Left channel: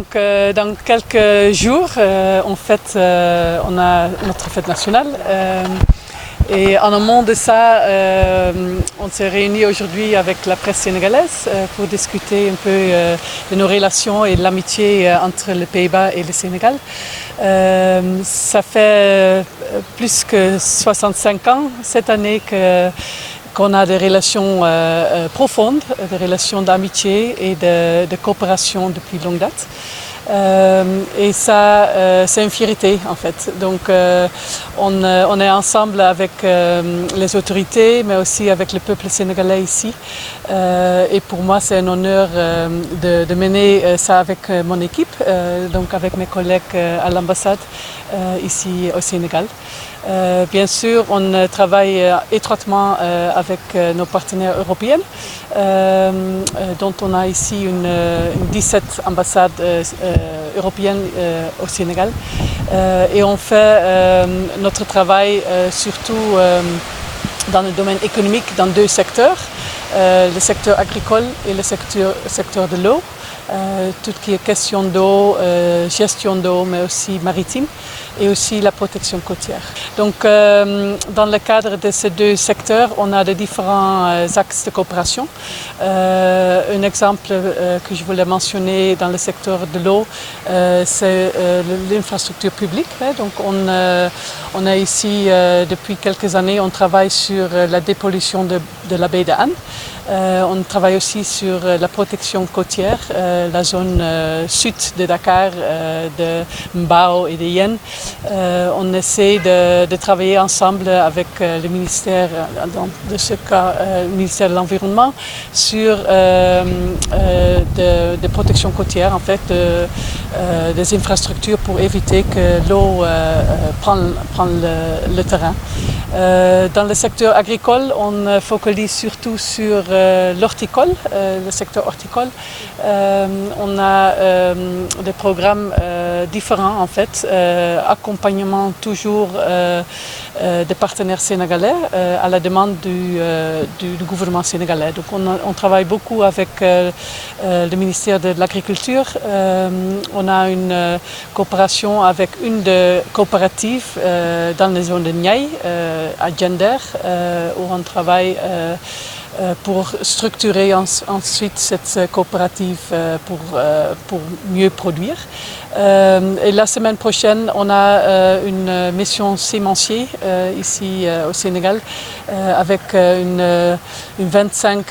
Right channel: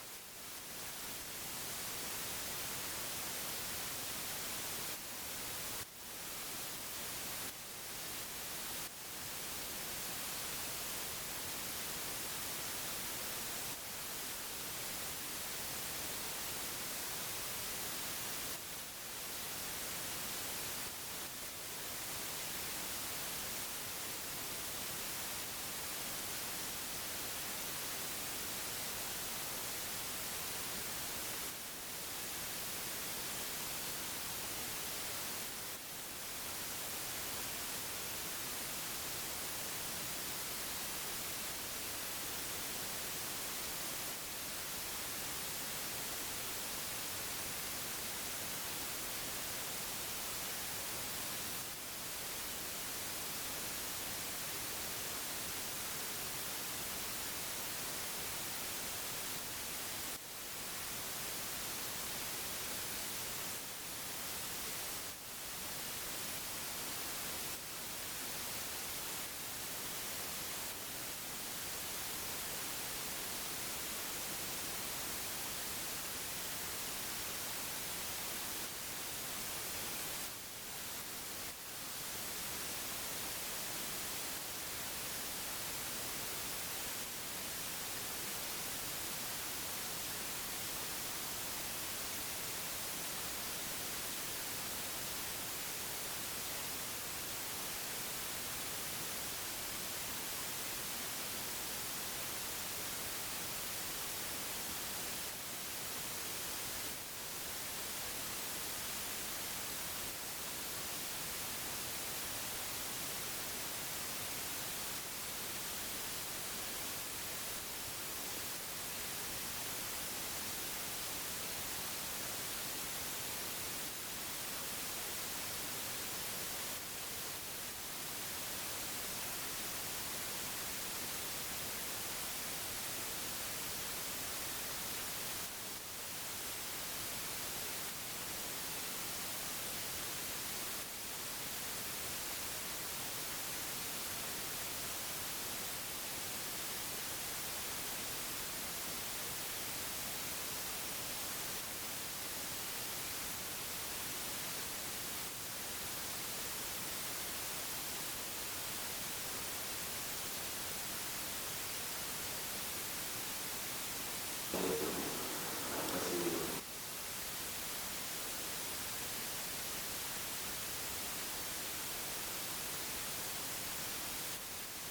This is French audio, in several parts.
Donc dans quelques jours, on a notre fête nationale. Et en amont de ça, on s'est réunis aujourd'hui avec la presse sénégalaise pour discuter un peu de nos relations et de l'amitié entre les Pays-Bas et le Sénégal. Ça fait plus que 65 ans cette année qu'on a des relations profondes, des relations d'amitié et de coopération depuis longue date. Et ça, c'est une fierté en fait. Donc on est ensemble avec les autorités, mais aussi avec le peuple sénégalais ici. Et pour moi, c'est un honneur de mener ça avec mon équipe, donc avec mes collègues à l'ambassade ici au Sénégal. Bien sûr, on travaille étroitement avec nos partenaires européens, dont on a ici une 17 ambassades européennes au Sénégal. Et on fait notre travail surtout dans le domaine économique dans deux secteurs, le secteur agricole et le secteur de l'eau. Tout ce qui est question d'eau, gestion d'eau, mais aussi maritime, et aussi la protection côtière. Donc, dans le cadre de ces deux secteurs, on a de différents axes de coopération. Un exemple que je voulais mentionner dans le secteur de l'eau, c'est l'infrastructure publique. Donc, on a ici, depuis quelques années, on travaille sur la dépollution de la baie de Han. On travaille aussi sur la protection côtière, la zone sud de Dakar, de Mbao et de Yen. On essaie de travailler ensemble avec le ministère, dans ce cas, le ministère de l'Environnement, sur de protection côtière, en fait, des infrastructures pour éviter que l'eau prenne le terrain. Dans le secteur agricole, on focalise surtout sur l'horticole, le secteur horticole. On a des programmes différents en fait, accompagnement toujours des partenaires sénégalais à la demande du gouvernement sénégalais. Donc on travaille beaucoup avec le ministère de l'Agriculture. On a une coopération avec une des coopératives dans les zones de Niayes, à Gender, où on travaille pour structurer ensuite cette coopérative pour mieux produire. Et la semaine prochaine, on a une mission sémencier ici au Sénégal avec une 25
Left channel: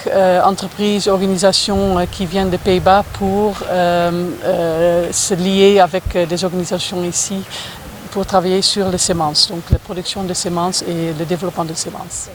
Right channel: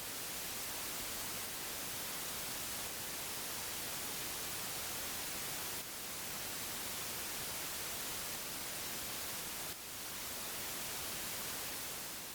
entreprises, organisations qui viennent des Pays-Bas pour se lier avec des organisations ici pour travailler sur les semences, donc la production de semences et le développement de semences.